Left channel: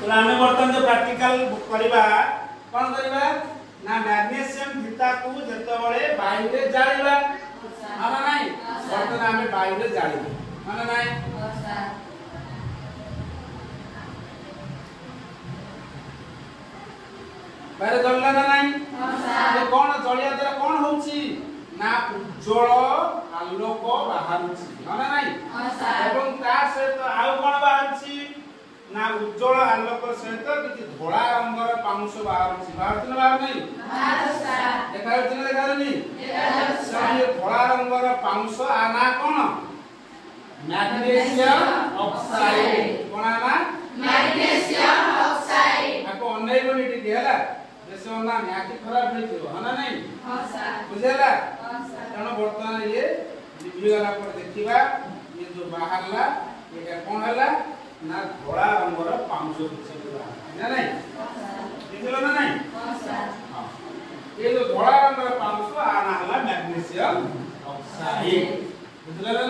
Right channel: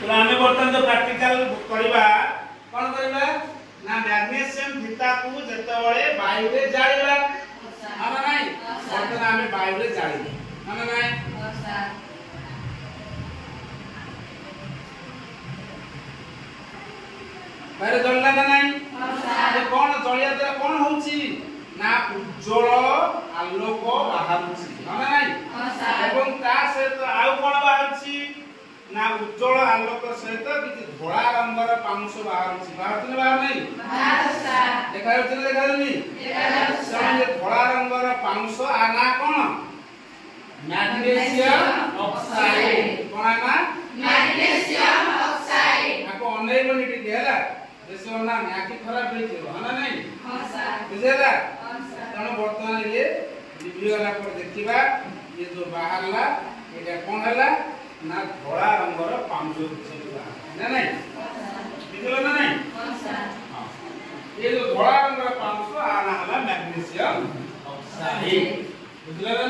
तो आमे बर्तन तो प्रैक्टिकल करबा कोन करबा ना मैग्नीशियम फीता को जतबळे वायु रे जाळिबा माने नाही बर्तन आमे वायु रे जाळिबा माने नाही बारे जलला ना नाही ये कोन जळिया द्वारा कोन होउची ना उज्जवल आलोक बाहरुची माने नाही एवं ता सहित आउ कोन बाहरुची ना उज्जवल आलोक सहित कि धोळा रंगर पाउंस बाहरुची बाहरुची बाहर नहीं देखा जाउची ना देखा जाउनी ये धोळा रंगर पाउंस आना कोन मैग्नीशियम ऑक्साइड कोन ना मैग्नीशियम ऑक्साइड आपको अनई बनी टिके हैला जैसे ना नाकी खराब होई थो हना नहीं हां सर बुझेला हां सर तनो वर्तमान ये वीडियो वाला पर देखिबा ये जो बाहरला ये कोन हैला ना धोळा रंगर पाउंस होइबा ना नहीं बुझलो ना नहीं हां सर हां ये जो धोळा रंगर पाउंस आना हला मैग्नीशियम ऑक्साइड बुझलो